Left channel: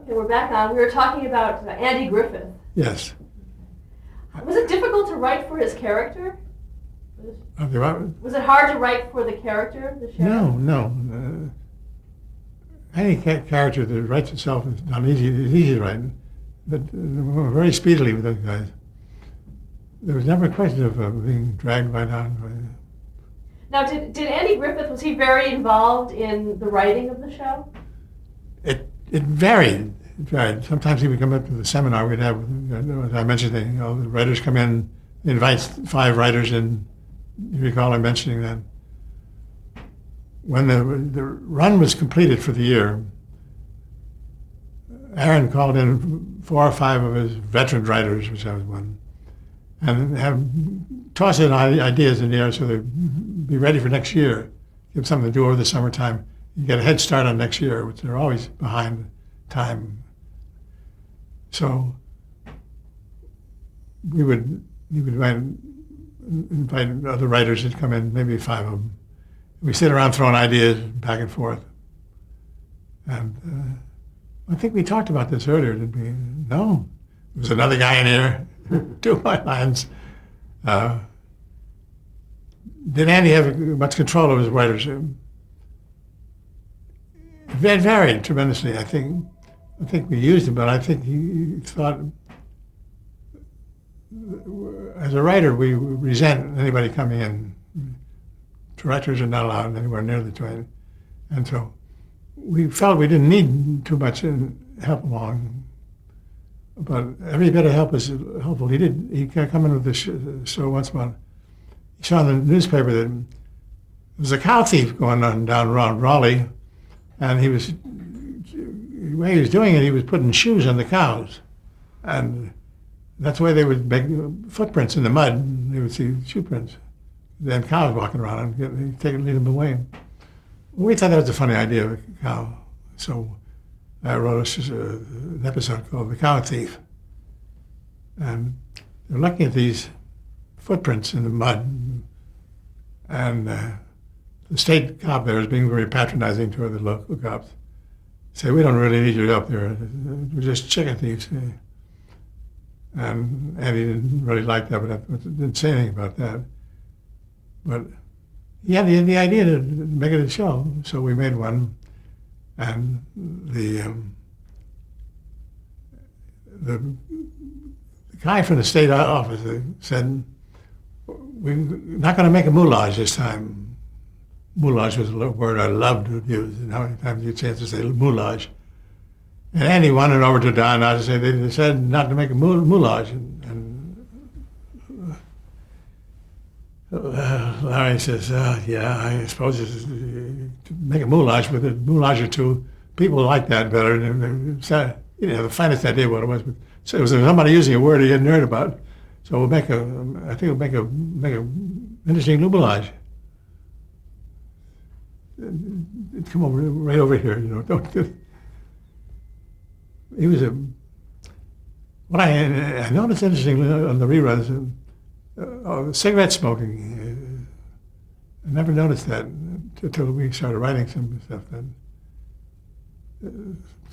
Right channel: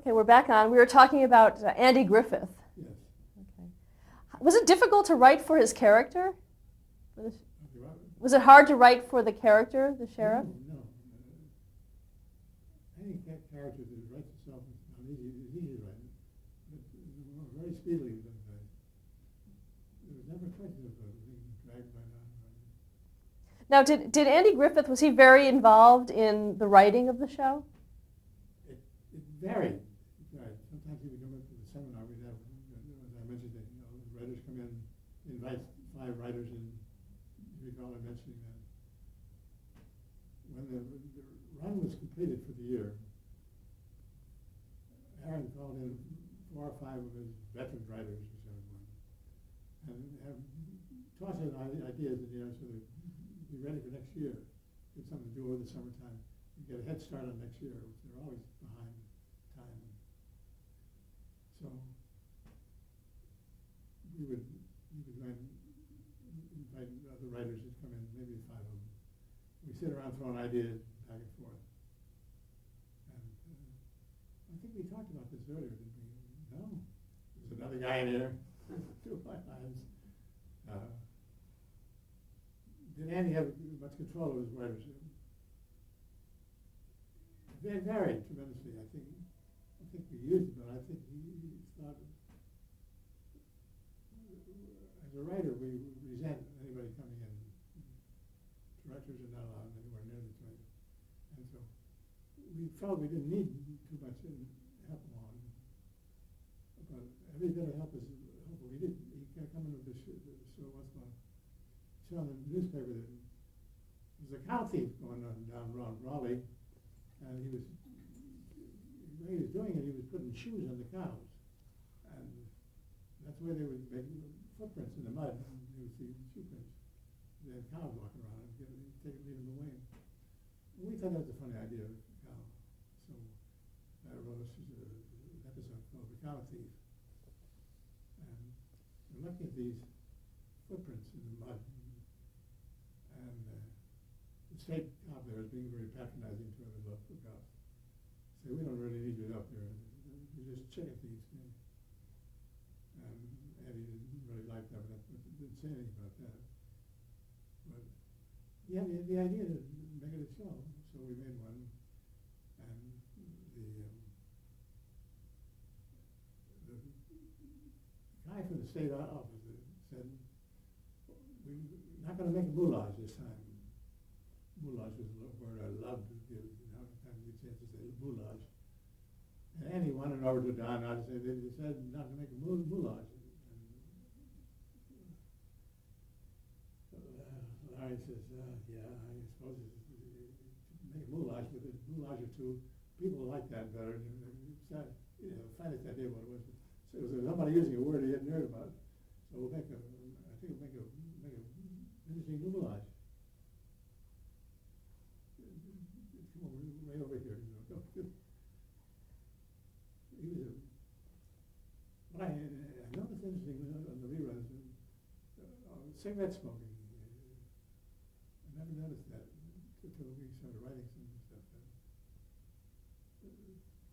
Okay, we're back on. We were talking about Andy Griffith. Yes. Was it difficult to write for his character? Okay, Was it hard to write for the character, the sheriff? no. Any character that writes itself is not easy. It's easy to write, but very speedily with those guys. There was never a question of being dragged right on. Now, did Andy Griffith, was he very involved in the writing of the show? It varied. It varied. Sometimes he would come up to the seminar we'd have. As I mentioned, the writers come in, he invites 5 writers in. You recall him mentioning that. When the run was completed for the year, Aaron called in 4 or 5 of his veteran writers, which I was one, and toss in ideas in the air so they'd be ready for next year. Give them something to do over the summertime. You get a head start on next year, which they're always behind time. So he would invite other writers to come in, maybe 5 of them. We sit around throwing ideas back and forth. And I think we talked about this earlier, didn't we? No. There's another guy in here, 2 of my lines. Did Andy have much control over his writers? It varied tremendously. I think we used him, but I think he thought, as a writer, we resent anybody coming in. Directors are not allowed anywhere near the joint. And so we felt we didn't need too much help along. But every bit of help was helpful. He come in with the show once about, he saw in the newspaper that there was a cow thief going on down around Raleigh, and the way he was doing it, he was putting shoes on the cows. And that's the way they would make footprints in the mud. They would see shoe prints. They had cows walking around and he'd lead them away. We thought that was a funny idea of a cow. So I wrote an episode called The Cow Thief. And they're looking at these footprints in the mud. And the state cop there is being very patronizing toward the local cops. Say, we don't really need your help there. We're just chicken thieves. And Andy didn't really like that, but didn't say anything about that. But he had the idea to make it a show, so we made one. And the guy from the state office said, we're not going to make a moulage this time. Moulage was a word I loved to use, and how many times you had a chance to say moulage. And Andy wandered over to Don to say they said not to make a moulage. Larry says, yeah, I suppose it's, to make a moulage with a moulage or 2. People like that better. The finest idea what it was. But so it was somebody using a word he hadn't heard about. So we'll make I think we'll make a interesting moulage. Come over, right over here, don't. He was what I noticed interestingly on the reruns, cigarette smoking. I never noticed that until we started writing some stuff.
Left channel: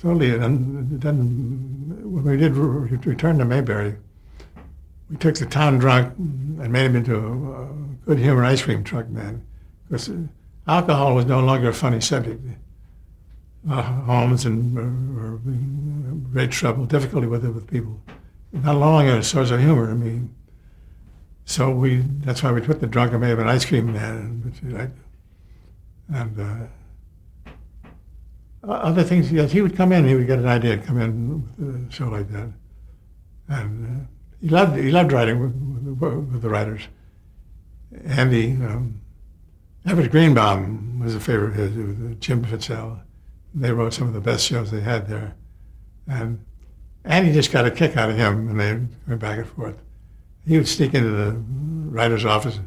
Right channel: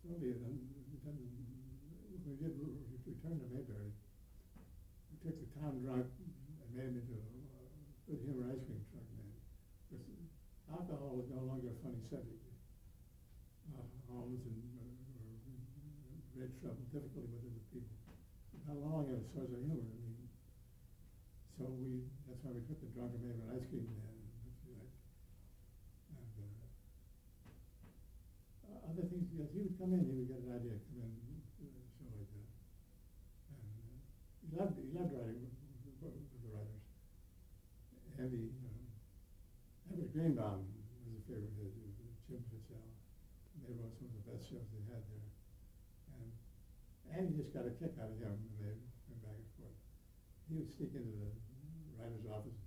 Totally, and then when we did return to Mayberry, we took the town drunk and made him into a good humor ice cream truck man. Because alcohol was no longer a funny subject. Homes were in great trouble, difficulty with it with people. Not longer a source of humor. I mean, so that's why we put the drunk and made him an ice cream man. And other things, yes, he would come in, he would get an idea, come in with a show like that. And he loved writing with the writers. Andy, Everett Greenbaum was a favorite of his, it was Jim Fitzell. They wrote some of the best shows they had there. And Andy just got a kick out of him, and they went back and forth. He would sneak into the writer's office.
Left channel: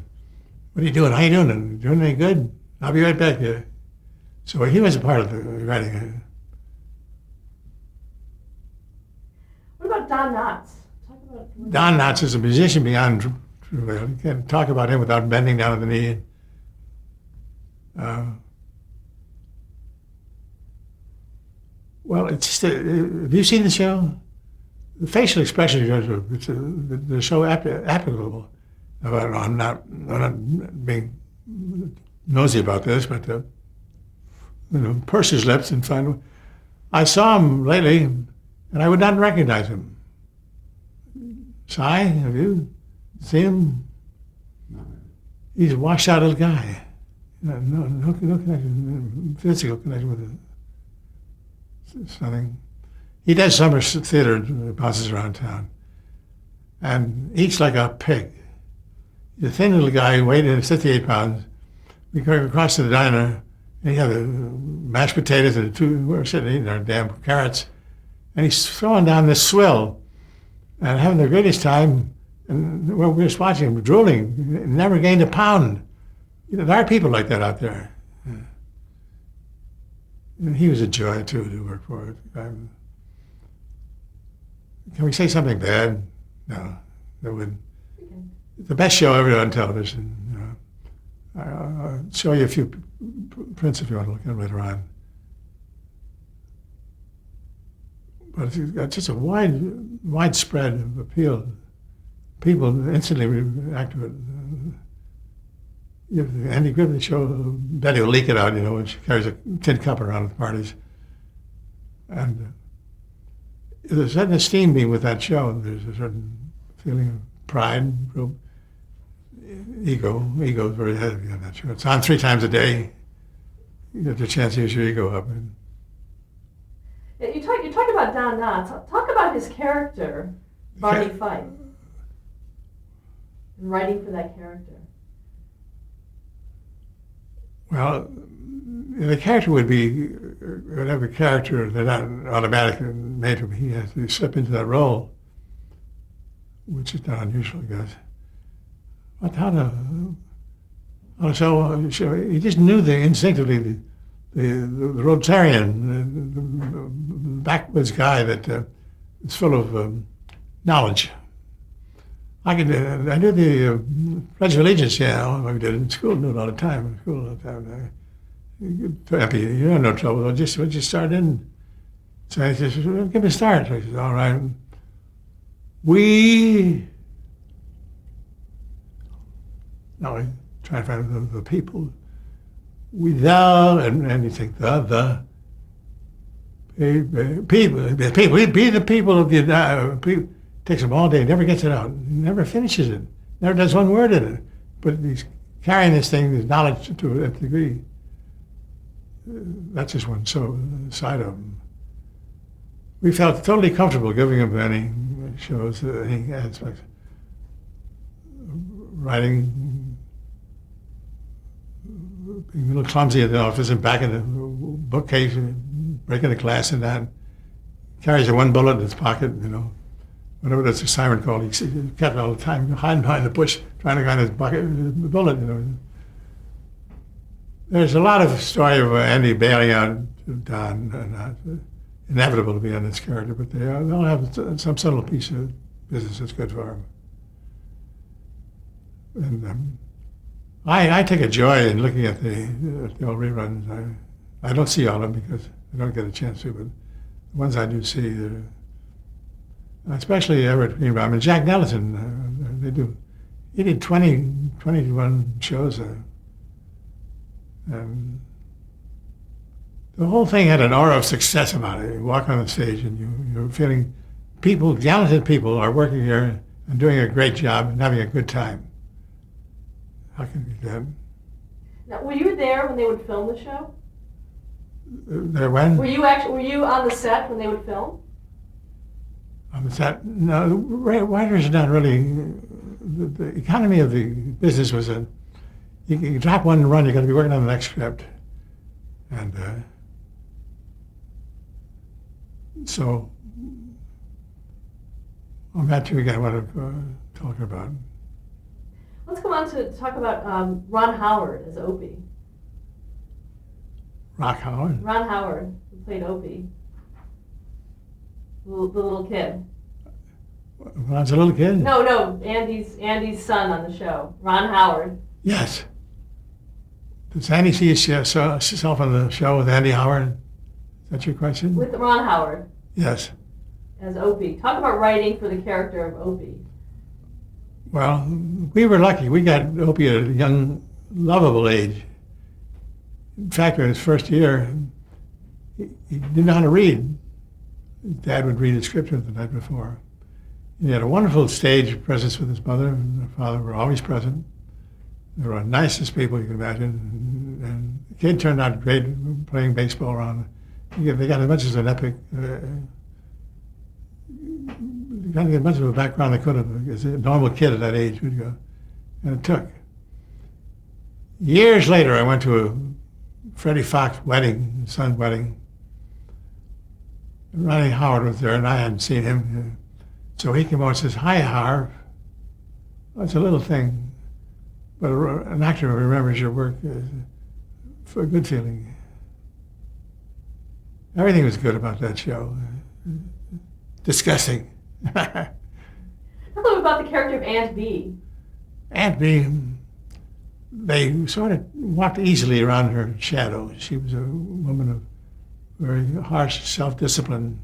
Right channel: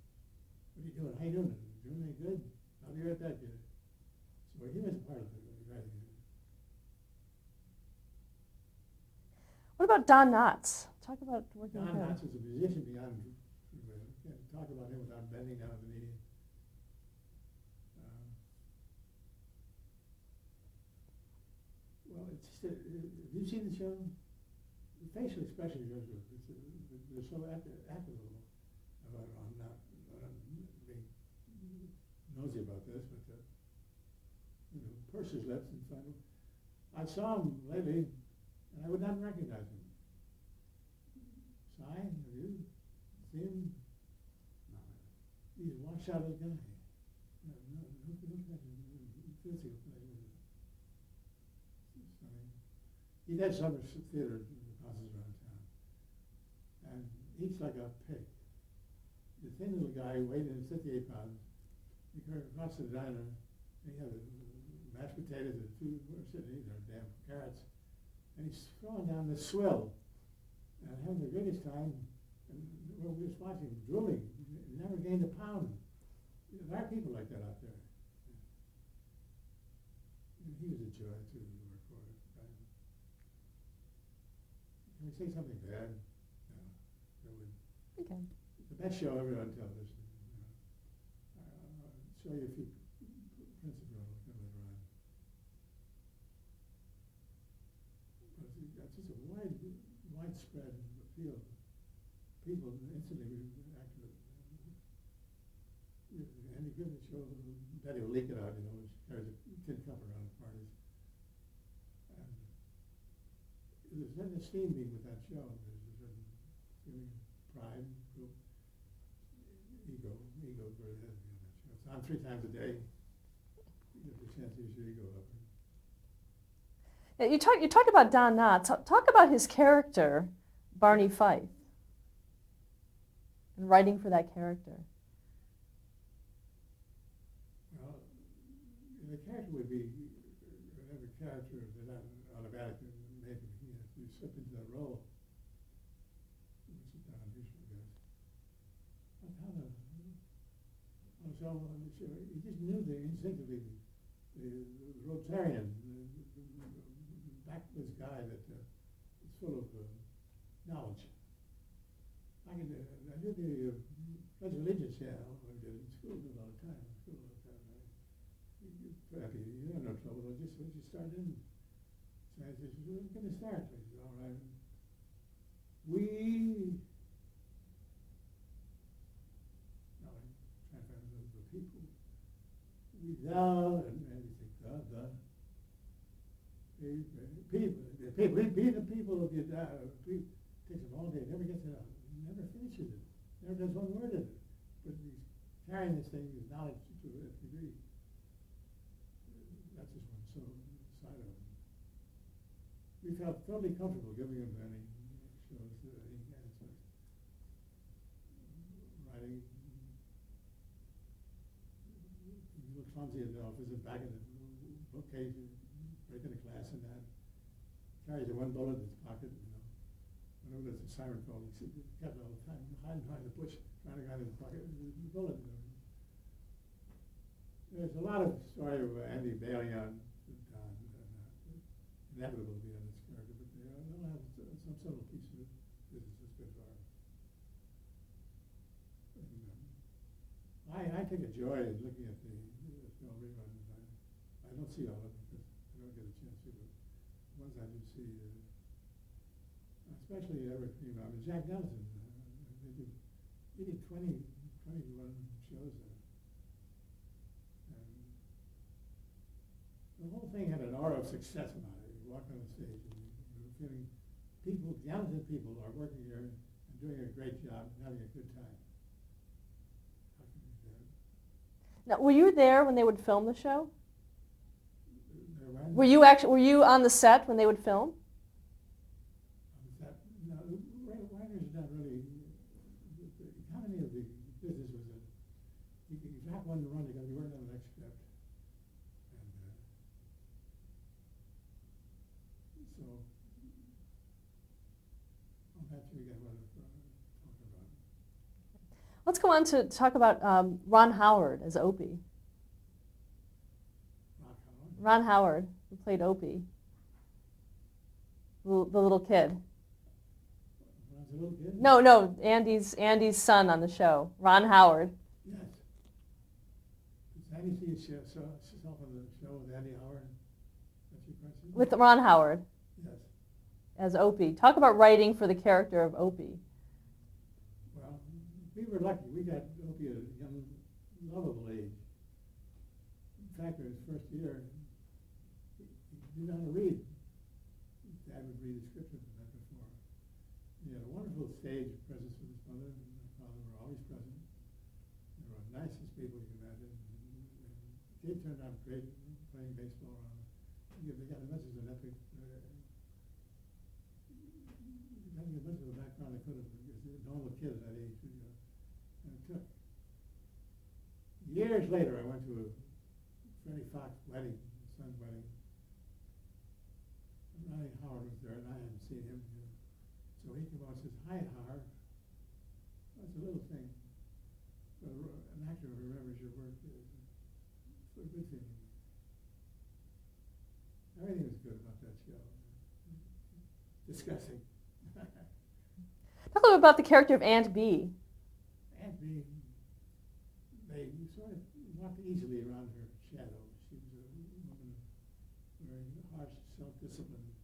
What are you doing? How you doing? Doing any good? I'll be right back here. So he was a part of the writing. What about Don Knotts? Talk about Don Knotts is a musician beyond trivial. You can't talk about him without bending down at the knee. Well, it's just, have you seen the show? The facial expressions they're so applicable. I'm not being nosy about this, but purse his lips and find. I saw him lately, and I would not recognize him. Si, have you seen him? He's a washed-out little guy. No connection, physical connection with something. He does summer theater, bounces around town, and eats like a pig. He's a thin little guy, weighed 58 pounds. We go across to the diner, and he had mashed potatoes and we're sitting eating our damn carrots, and he's throwing down this swill and having the greatest time. And we were just watching him, drooling, never gained a pound. There are people like that out there. And he was a joy, too, to work for. Can we say something bad? No, that wouldn't. Okay. The best show ever on television. I'll show you a few prints if you want to look at them later on. But it's got just a widespread appeal. People instantly react to it. Andy Griffith show, Betty will leak it out, when she carries a tin cup around at parties. And there's a certain esteem being with that show. There's a certain feeling of pride, real ego. Ego is very heavy on that show. It's on 3 times a day. You get the chance to use your ego up. You talked about Don Knotts. Talk about his character, Barney Fife, and writing for that character. Well, the character would be whatever character they're not automatically made to be. He has to slip into that role, which is not unusual, I guess. But how to show he just knew instinctively the Rotarian, the backwoods guy that is full of knowledge. I knew the Pledge of Allegiance, we did it in school, knew it all the time. You're in no trouble, we'll just start in. So I said, give me a start. So I said, all right. Now I try to find the people. And you think people, we be the people of the people. Takes him all day, never gets it out, never finishes it, never does one word in it. But he's carrying this thing, this knowledge to a degree. That's just one side of him. We felt totally comfortable giving him any shows, any aspects. Writing, being a little clumsy in the office and back in the bookcase, breaking the glass and that. Carries a one bullet in his pocket, Whenever there's a siren call, he kept it all the time, hiding behind the bush, trying to find his bullet. There's a lot of story of Andy bailing out Don, inevitable to be on this character, but they'll have some subtle piece of business that's good for him. And I take a joy in looking at the old reruns. I don't see all of them because I don't get a chance to, but the ones I do see, they're especially Everett Greenbaum and Jack Nelson, they do. He did 21 shows. And the whole thing had an aura of success about it. You walk on the stage and you're feeling talented people are working here and doing a great job and having a good time. How can you do that? Now, were you there when they would film the show? There when? Were you on the set when they would film? On the set? No, writers are not really. The economy of the business was you drop one run, you're going to be working on the next script. And so on that too, again, what I'm talking about. Let's go on to talk about Ron Howard as Opie. Rock Howard? Ron Howard, who played Opie. The little kid. When I was a little kid? No, Andy's son on the show, Ron Howard. Yes. Does Andy see himself on the show with Andy Howard? That's your question? With Ron Howard Yes. as Opie. Talk about writing for the character of Opie. Well, we were lucky. We got Opie at a young, lovable age. In fact, in his first year, he didn't know how to read. His dad would read his scripture the night before. He had a wonderful stage presence with his mother and her father were always present. They were the nicest people you could imagine. And the kid turned out great playing baseball around. They got as much as an epic, got as much of a background they could have, as a normal kid at that age would go. And it took. Years later, I went to a Freddie Fox wedding, son's wedding. Ronnie Howard was there, and I hadn't seen him. So he came over and says, "Hi, Harv." Well, it's a little thing, but an actor who remembers your work for a good feeling. Everything was good about that show. Disgusting. Talk a little about the character of Aunt Bee. Aunt Bee, they sort of walked easily around her shadow. She was a woman of very harsh self-discipline.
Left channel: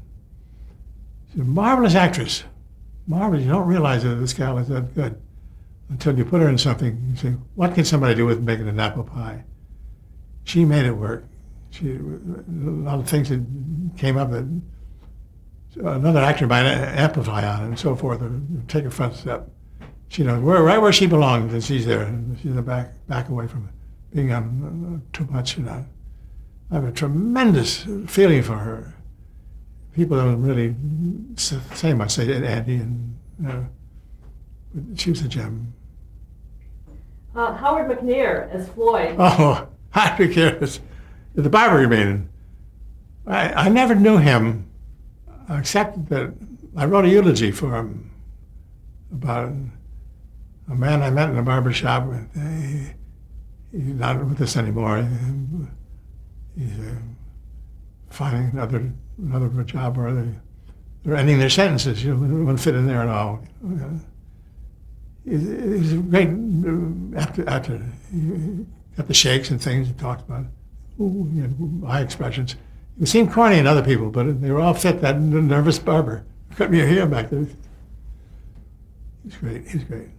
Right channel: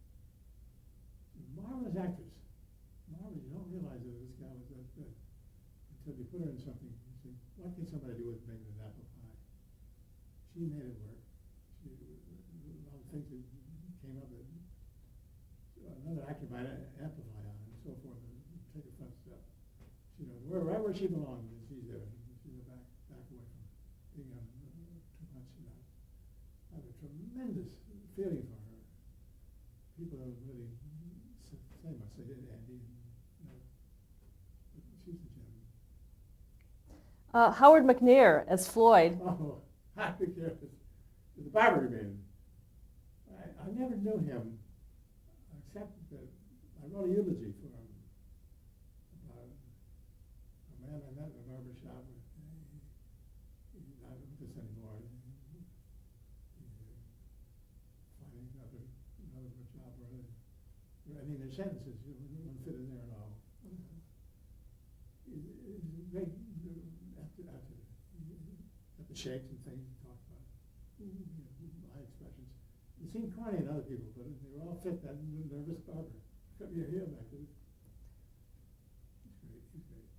She's a marvelous actress. Marvelous. You don't realize that this gal is that good until you put her in something. You say, what can somebody do with making an apple pie? She made it work. A lot of things that came up that another actor might amplify on and so forth, or take a front step. She knows right where she belongs, and she's there. She's in the back away from it, being on too much. I have a tremendous feeling for her. People don't really say much, say Andy, but she was a gem. Howard McNear as Floyd. Oh, Harvey Bullock, the barber, you mean? I never knew him, except that I wrote a eulogy for him about a man I met in a barber shop. He's not with us anymore. He's finding another job where they're ending their sentences. You wouldn't fit in there at all. He's a great actor. He got the shakes and things he talked about. High expressions. It seemed corny in other people, but they were all fit, that nervous barber. Cut me a hair back there. He's great. He's great.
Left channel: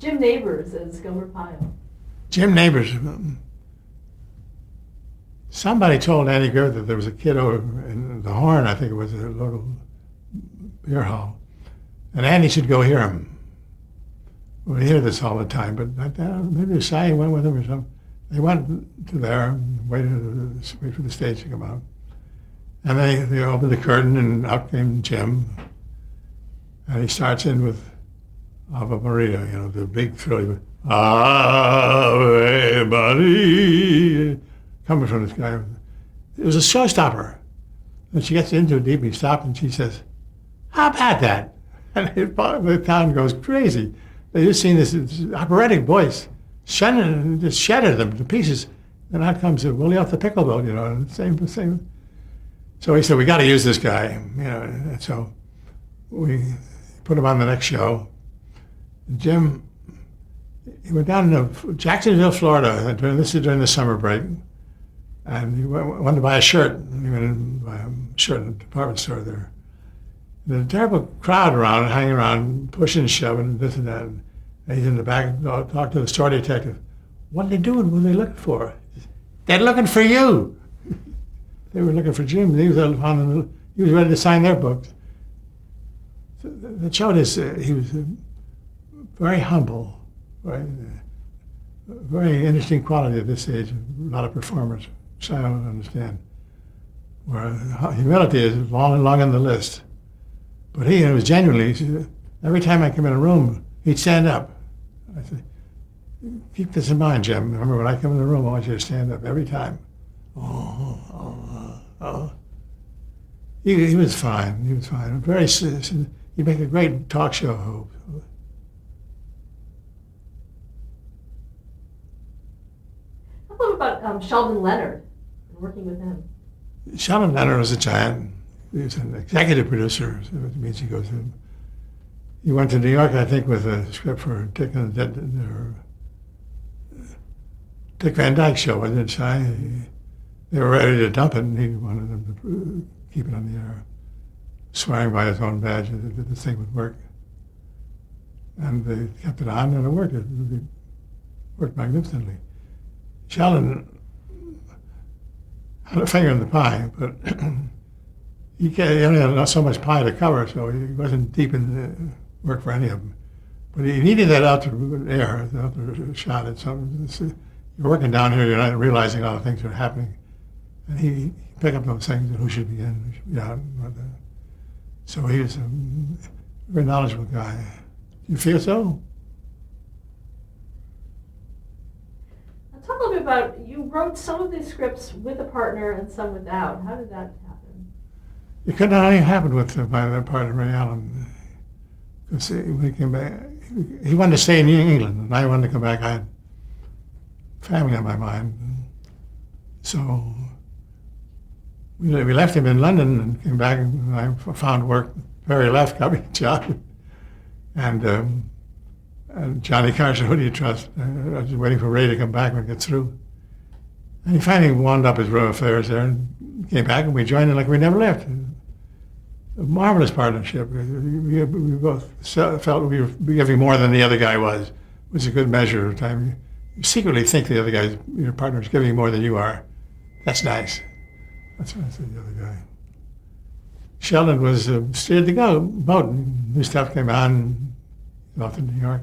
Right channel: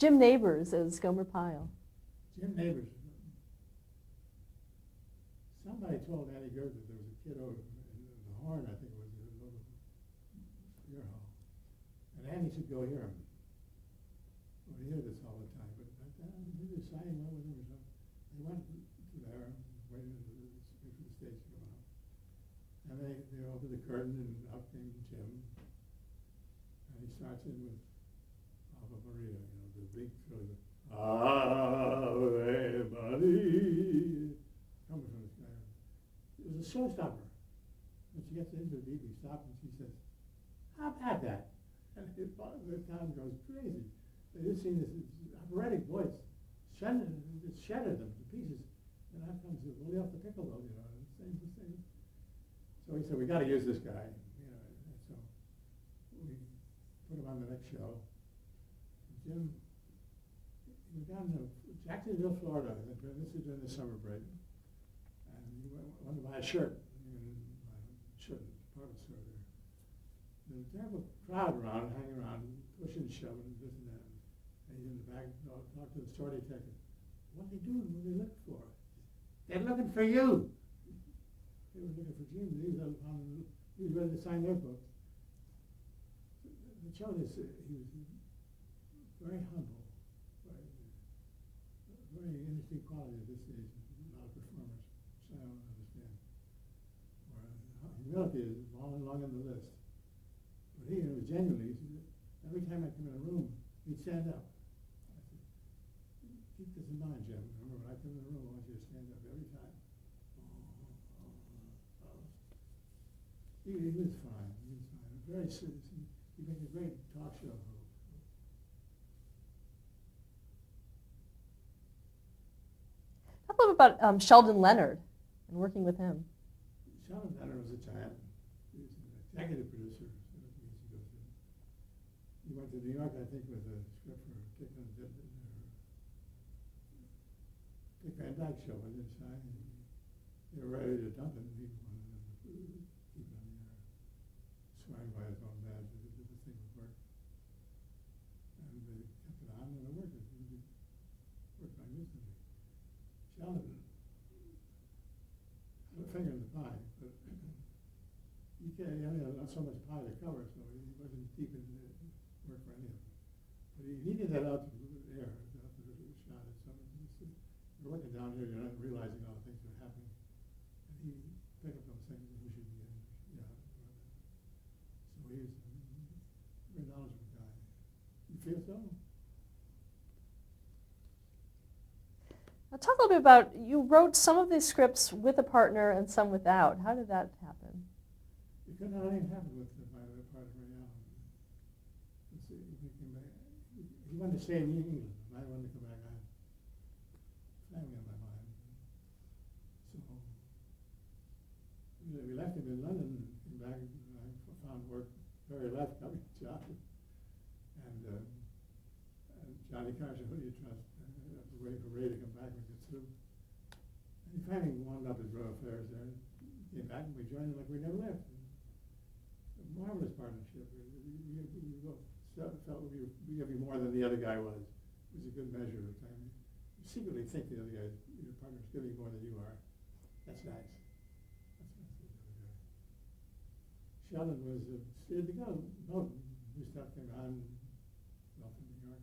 Jim Neighbors as Gomer Pyle. Jim Neighbors. Somebody told Andy Griffith that there was a kid over in the Horn, I think it was a local beer hall, and Andy should go hear him. We hear this all the time, but maybe Cy went with him or something. They went to there and wait for the stage to come out. And they opened the curtain, and out came Jim. And he starts in with Ave Maria, the big Philly, Ave Maria, coming from this guy. It was a showstopper. And she gets into it deep, he stopped, and she says, "How about that?" And the town goes crazy. They just seen this operatic voice, just shattered them to pieces. And out comes Willie off the pickle boat, the same. So he said, "We got to use this guy," And so we put him on the next show. Jim, he went down to Jacksonville, Florida. During the summer break, and he wanted to buy a shirt. He went in and buy a shirt in a department store there. There's a terrible crowd around, hanging around, pushing, shoving, this and that. And he's in the back, talked to the store detective. "What are they doing? What are they looking for?" "They're looking for you." They were looking for Jim. He was ready to sign their books. So that showed us he was very humble, right? Very interesting quality at this age. A lot of performers, which I don't understand. Where humility is long on the list. But he was genuinely, every time I come in a room, he'd stand up. I said, "Keep this in mind, Jim. Remember, when I come in the room, I want you to stand up every time." He was fine. He was fine. He'd make a great talk show host. How about Sheldon Leonard and working with him? Sheldon Leonard was a giant. He was an executive producer, so it means he went to New York, I think, with a script for Dick Van Dyke show, wasn't it, Shy? they were ready to dump it, and he wanted them to keep it on the air, swearing by his own badge that this thing would work. And they kept it on, and it worked. It worked magnificently. Sheldon had a finger in the pie, but he only had so much pie to cover, so he wasn't deep in the work for any of them. But he needed that outdoor air, the outdoor shot at something. You're working down here, you're not realizing all the things that are happening. And he picked up those things, who should be in, who should be out. So he was a very knowledgeable guy. You feel so? Now talk a little bit about, you wrote some of these scripts with a partner and some without. How did that happen? It could not only happen with my partner, Ray Allen. Because when he came back, he wanted to stay in England, and I wanted to come back. I had family on my mind. So we left him in London and came back, and I found work. Perry left, got me a job. And Johnny Carson, who do you trust? I was waiting for Ray to come back and get through. And he finally wound up his row of affairs there and came back, and we joined in like we never left. A marvelous partnership. We both felt we were giving more than the other guy was. It was a good measure of time. You secretly think the other guy, your partner, is giving more than you are. That's nice. That's what I said, the other guy. Sheldon was steered to go boat. New stuff came on, off to New York.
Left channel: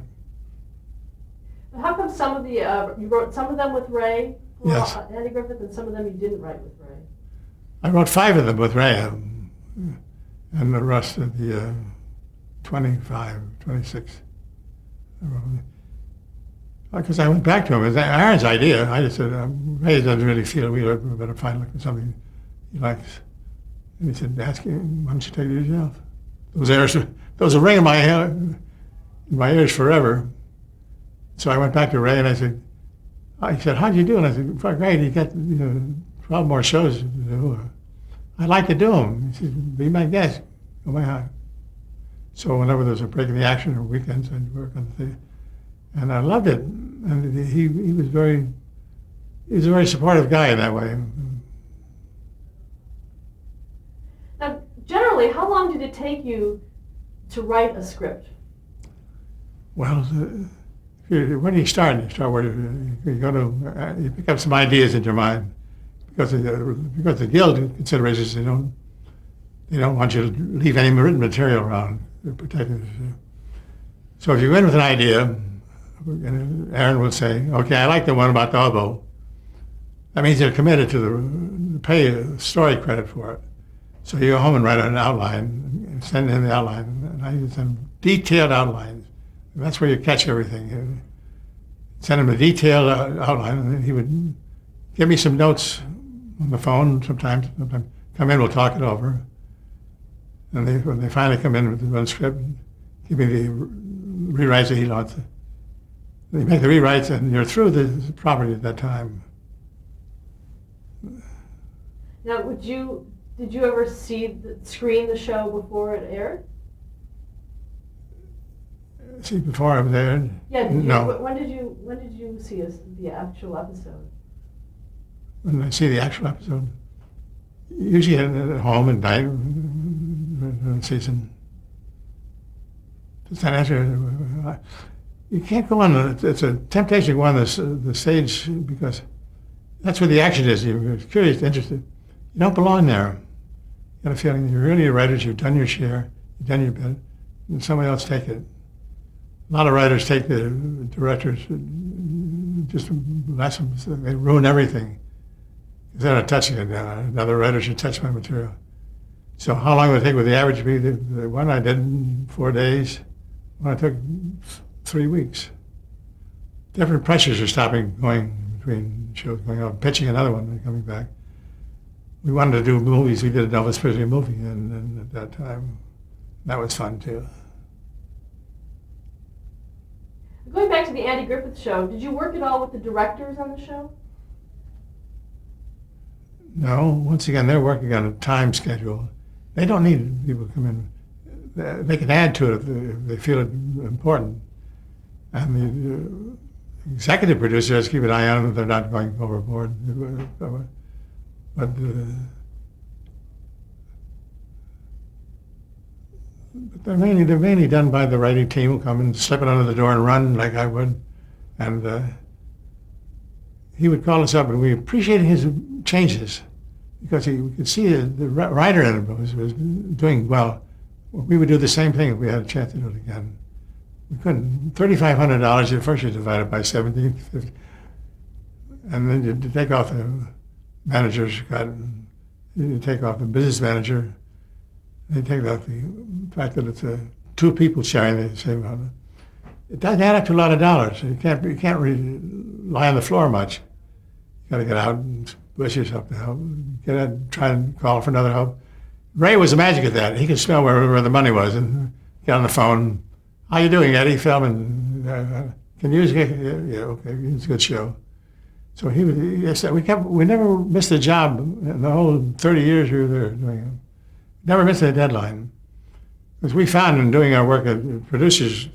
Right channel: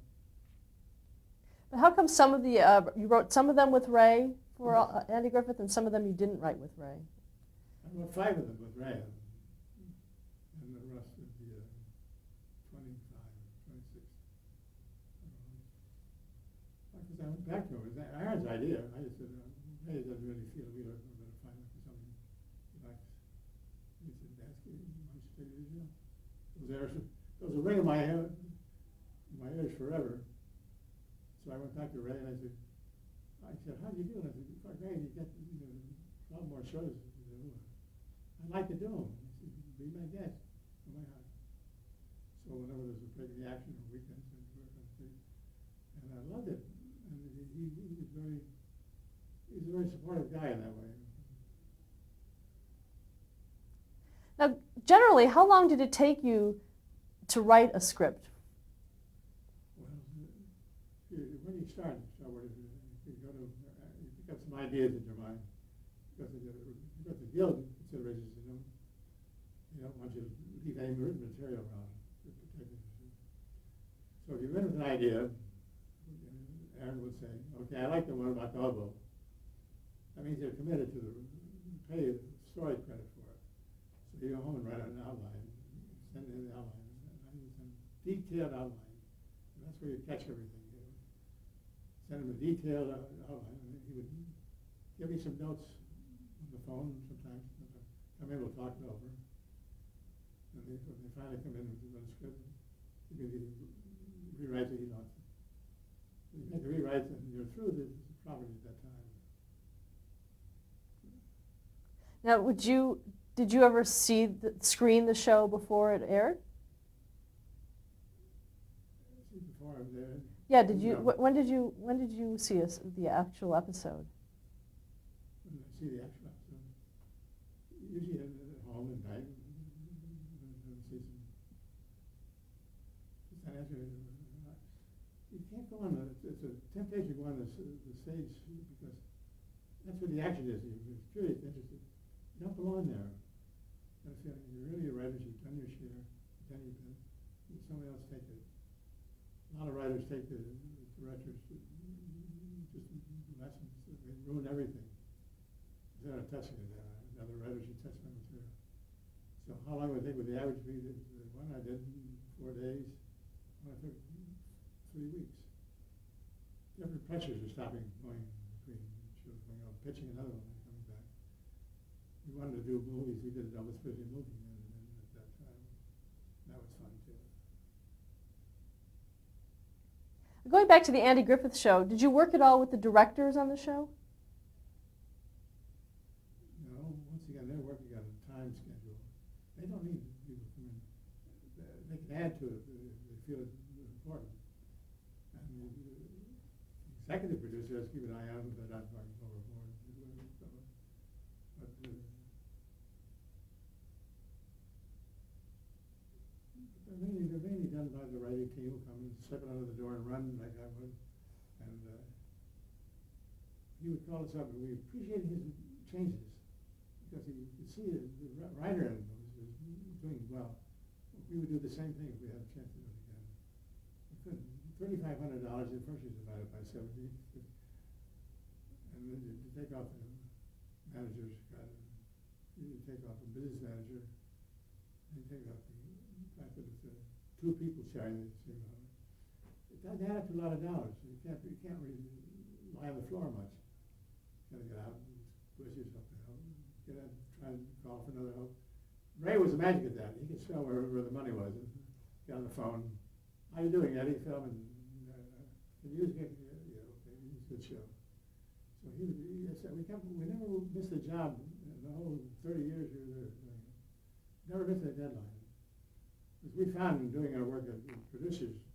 How come some of the, you wrote some of them with Ray, Yes. Andy Griffith, and some of them you didn't write with Ray? I wrote 5 of them with Ray, and the rest of the 25, 26. Because I went back to him. It was Aaron's idea. I just said, Ray doesn't really feel we better find something he likes. And he said, ask him, why don't you take it yourself? Those will ring in my ears forever. So I went back to Ray and I said, he said, how'd you do? And I said, great, you got 12 more shows to do. I'd like to do them. He said, be my guest. Oh my God. So whenever there was a break in the action or weekends, I'd work on the thing. And I loved it. And he was a very supportive guy in that way. Now, generally, how long did it take you to write a script? Well, when you start where you pick up some ideas in your mind, because the guild considerations, they don't want you to leave any written material around. They're protected. So if you go in with an idea, Aaron will say, okay, I like the one about the hobo. That means you're committed to pay a story credit for it. So you go home and write an outline, and send in the outline, and I use some detailed outlines. And that's where you catch everything. You send him a detailed outline, and then he would give me some notes on the phone sometimes. Come in, we'll talk it over. And when they finally come in with the one script, give me the rewrites that he wants. They make the rewrites, and you're through the property at that time. Now, did you ever screen the show before it aired? See, before I was there? Yeah. No. When did you see the actual episode? When I see the actual episode, usually at home at night, in season. Just after, you can't go on. It's a temptation to go on the stage because that's where the action is. You're curious, interested. You don't belong there. You got a feeling you're really a writer. You've done your share. You've done your bit, and somebody else take it. A lot of writers take the directors just lessons. They ruin everything. Instead of touching it, another writer should touch my material. So how long would it take with the average be? The one I did in 4 days, one I took 3 weeks. Different pressures are going between shows going out, pitching another one and coming back. We wanted to do movies. We did a Elvis Presley movie, and at that time, that was fun too. Going back to the Andy Griffith Show, did you work at all with the directors on the show? No. Once again, they're working on a time schedule. They don't need people to come in. They can add to it if they feel it important. And the executive producer has to keep an eye on them if they're not going overboard. But they're mainly done by the writing team who come and slip it under the door and run like I would. And he would call us up, and we appreciated his changes because we could see the writer in him was doing well. We would do the same thing if we had a chance to do it again. We couldn't. $3,500 at first you divided by 1750. And then you take off the manager's cut, you take off the business manager, they take off the fact that it's two people sharing the same amount. It doesn't add up to a lot of dollars. You can't really lie on the floor much. You got to get out and push yourself to help. Get out, try and call for another help. Ray was the magic at that. He could smell where the money was and get on the phone. How you doing, Eddie? Filming. Can you use? Yeah, okay. It's a good show. So he would. Yes, we never missed a job in the whole 30 years we were there doing it. Never missed a deadline. Because we found in doing our work as producers,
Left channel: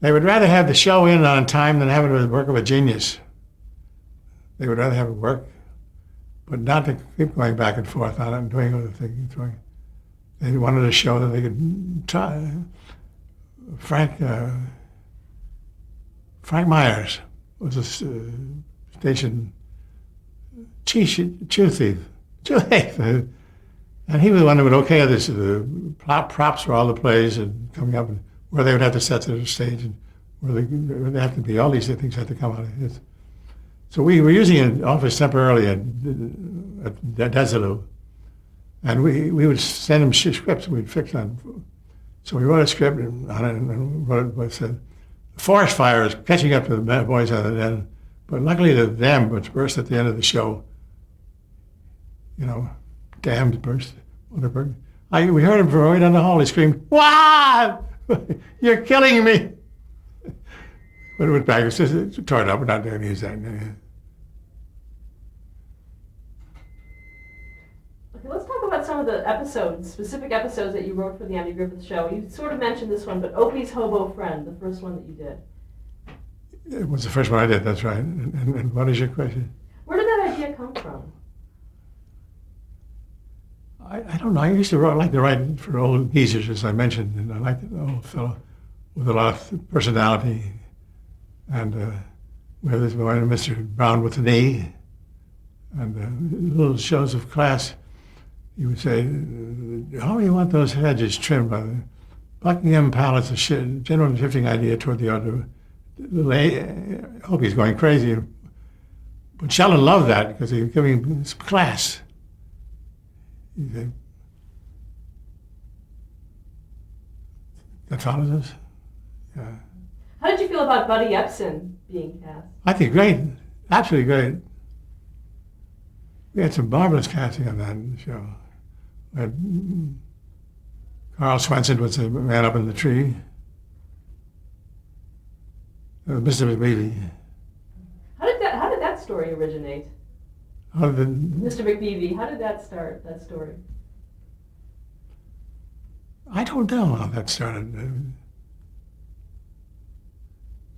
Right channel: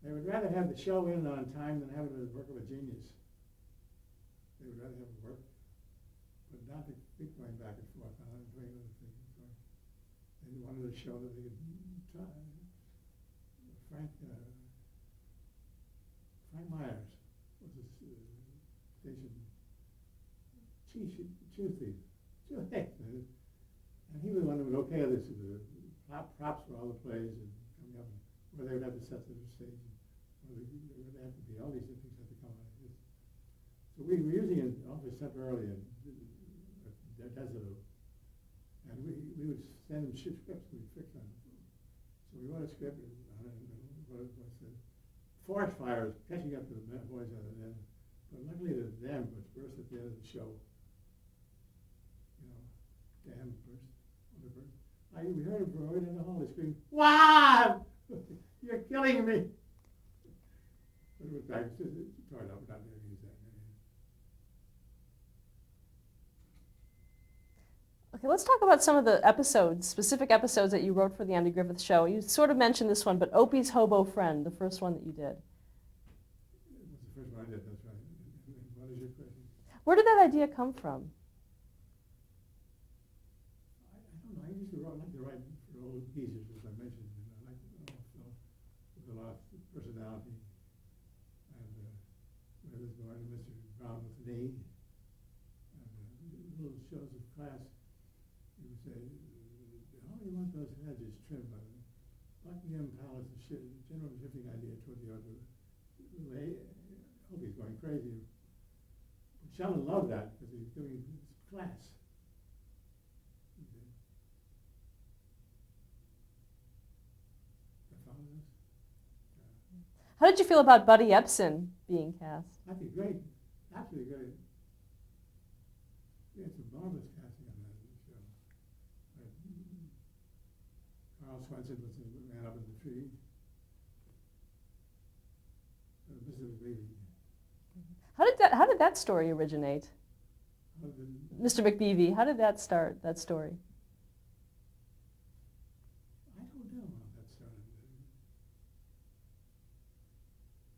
they would rather have the show in on time than have it with the work of a genius. They would rather have it work, but not to keep going back and forth on it and doing other things. They wanted a show that they could try. Frank Myers was a station chew thief. And he was the one who would okay this. The props for all the plays and coming up and where they would have to set the stage and where they have to be. All these things had to come out of it. So we were using an office temporarily at Desilu. And we would send him scripts we'd fix on. So we wrote a script on it and wrote what said, the forest fire is catching up to the boys on the end. But luckily the dam which burst at the end of the show, dams burst. We heard him from right down the hall. He screamed, "Wow! You're killing me!" But it went back. It's just tore it up. We're not going to use that. Okay, let's talk about some of the episodes, specific episodes that you wrote for the Andy Griffith Show. You sort of mentioned this one, but Opie's Hobo Friend, the first one that you did. It was the first one I did, that's right. And what is your question? Where did that idea come from? I don't know. I used to like to write for old geezers, as I mentioned, and I liked an old fellow with a lot of personality. And we had this boy, Mr. Brown with an E, and little shows of class. He would say, "How do you want those hedges trimmed by the Buckingham Palace? A general shifting idea toward the other." I hope he's going crazy. But Sheldon loved that because he was giving some class. That follows us? Yeah. How did you feel about Buddy Epson being cast? I think great. Absolutely great. We had some marvelous casting on that show. Carl Swenson was the man up in the tree. Mr. McBeevy. How did that story originate? Mr. McBeevy, how did that start, that story? I don't know how that started.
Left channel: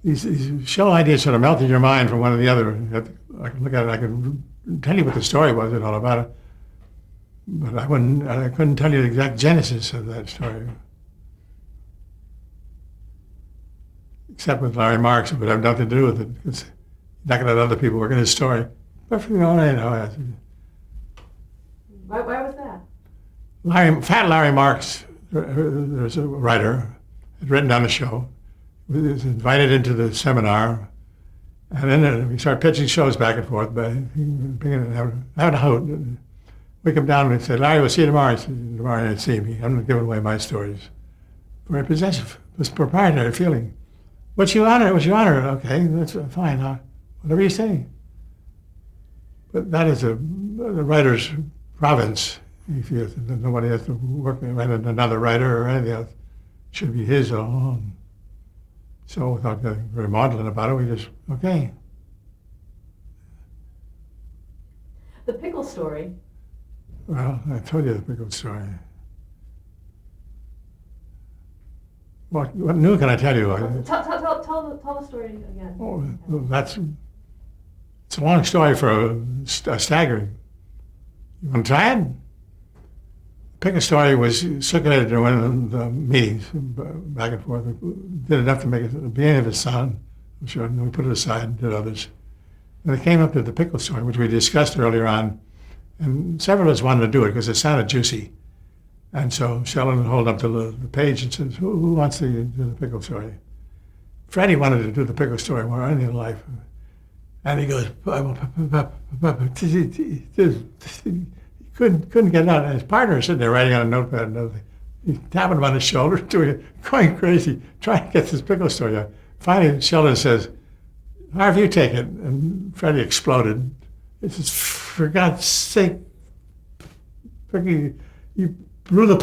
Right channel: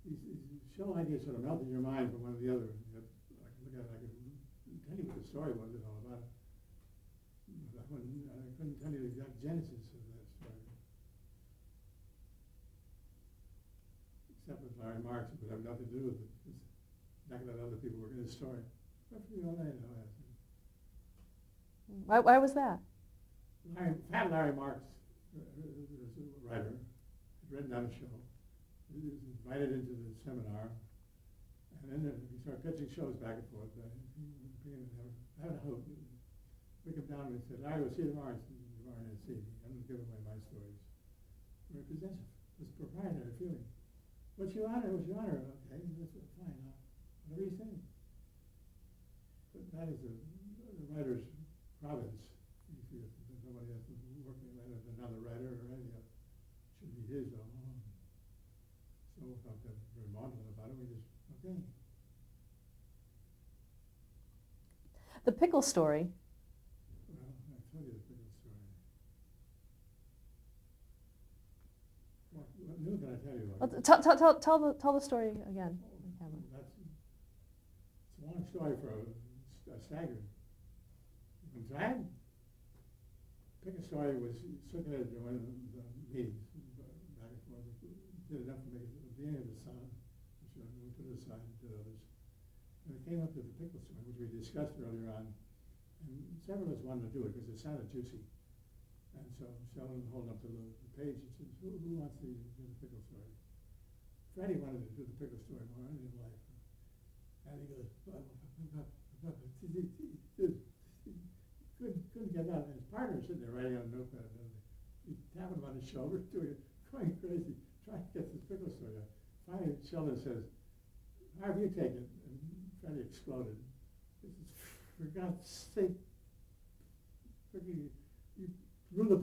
These show ideas sort of melt in your mind from one to the other. I can look at it, I can tell you what the story was and all about it, but I couldn't tell you the exact genesis of that story. Except with Larry Marks, it would have nothing to do with it. It's not going to let other people work in his story. Perfectly all right, Why was that? Fat Larry Marks, there's a writer, had written down the show, was invited into the seminar, and then we started pitching shows back and forth. But having a hoot, we come down and say, "Larry, we'll see you tomorrow." He said, "Tomorrow you'll see me. I'm not giving away my stories." Very possessive, this proprietary feeling. What's your honor? Okay, that's fine. Whatever you say. But that is the writer's province. He feels that nobody has to work with another writer or anything else. It should be his alone. So without getting very maudlin about it, we just, okay. The pickle story. Well, I told you the pickle story. What new can I tell you? Tell the story again. Oh, well, that's It's a long story for a staggering. You want to try it? Pick a story was circulated in one of the meetings, back and forth. Did enough to make it, the beginning of it sound, I'm sure, and then we put it aside and did others. And it came up to the pickle story, which we discussed earlier on, and several of us wanted to do it because it sounded juicy. And so Sheldon would hold up the page and says, who wants to do the pickle story? Freddie wanted to do the pickle story more than anything in life. And he goes, couldn't get it out. And his partner was sitting there writing on a notepad and everything. He's tapping him on his shoulder, doing it, going crazy, trying to get this pickle story out. Finally, Sheldon says, Harvey, you take it. And Freddie exploded. He says, for God's sake, you blew the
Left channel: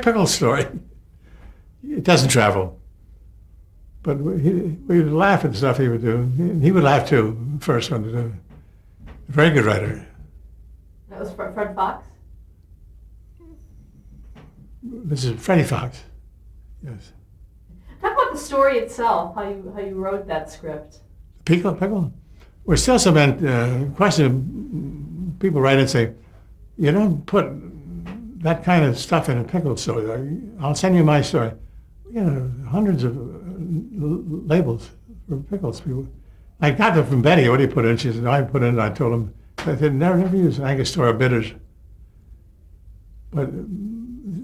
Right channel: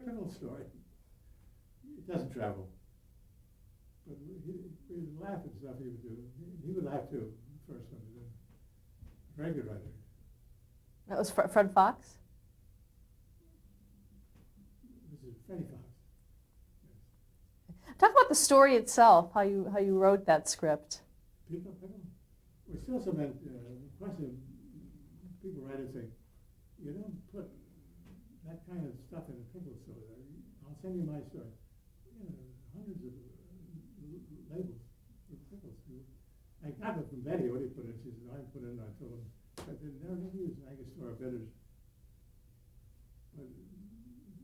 pickle story. It doesn't travel. But we would laugh at stuff he would do. He would laugh too, the first one to do. A very good writer. That was Fred Fox? This is Freddie Fox. Yes. Talk about the story itself, how you wrote that script. Pickle? We're still some question. People write and say, you don't put that kind of stuff in a pickle story. I'll send you my story. You know, hundreds of labels for pickles. People, I got them from Betty. What do you put in? She said, I put in. I told them. I said, never use Angostura bitters. But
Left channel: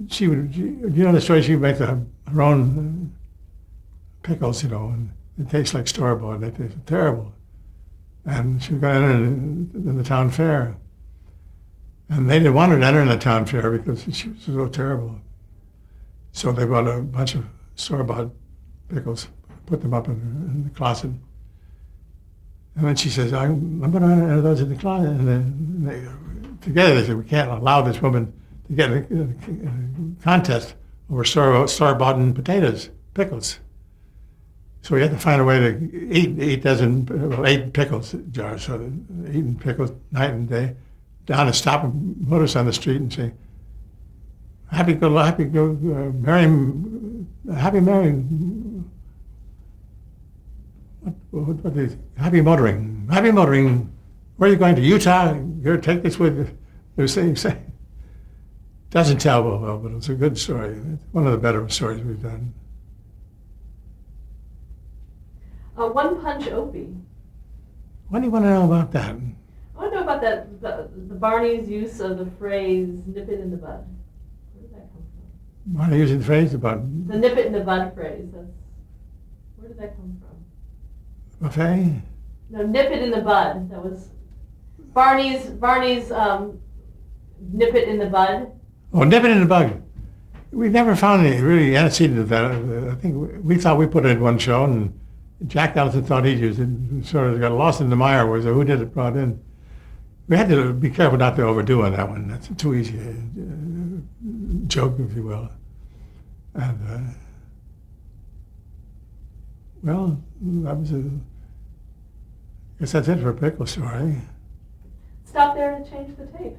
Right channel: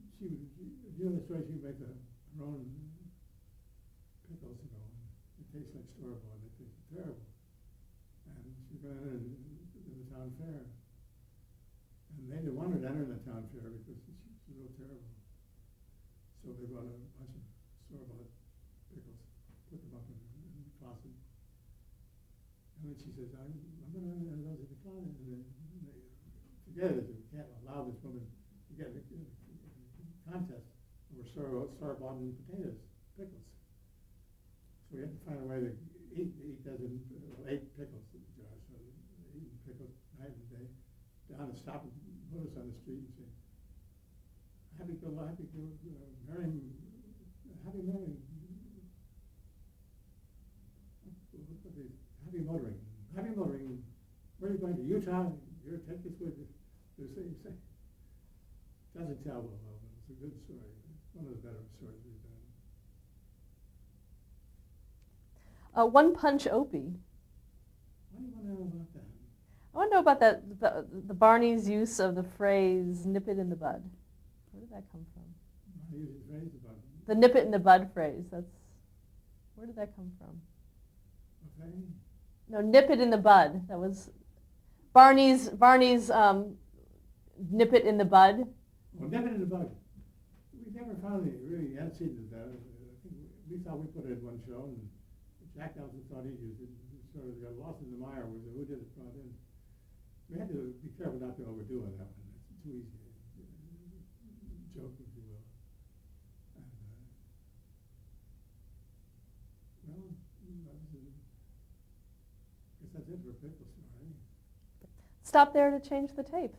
she would, you know the story, she would make her own pickles, you know, and it tastes like store-bought. They taste terrible. And she got in the town fair. And they didn't want her to enter in the town fair because she was so terrible. So they bought a bunch of store-bought pickles, put them up in the closet. And then she says, I'm going to enter those in the closet. And then together they said, we can't allow this woman to get a contest over store-bought potatoes, pickles. So we had to find a way to eat 8 pickles jars. So eating pickles night and day, down and stop and put us on the street and say, happy Mary, what is happy motoring. Happy motoring. Where are you going to? Utah? Here, take this with you. They were saying, doesn't tell well, but it's a good story. It's one of the better stories we've done. One Punch Opie. What do you want to know about that? I want to know about the Barney's use of the phrase "nip it in the bud." Where did that come from? Why are you using the phrase about the "nip it in the bud" phrase? Where did that come from? Buffet? No, "nip it in the bud." That was Barney's "nip it in the bud." Oh, nip it in the bud. We never found any really antecedent of that. I think we thought we put it in one show, and Jack Ellison thought he'd used it. Sort of got lost in the mire. Was who did it brought in? We had to be careful not to overdo on that one. That's too easy a joke, if you will. And well, that was I guess that's it for a pickle story. Stop there to change the tape.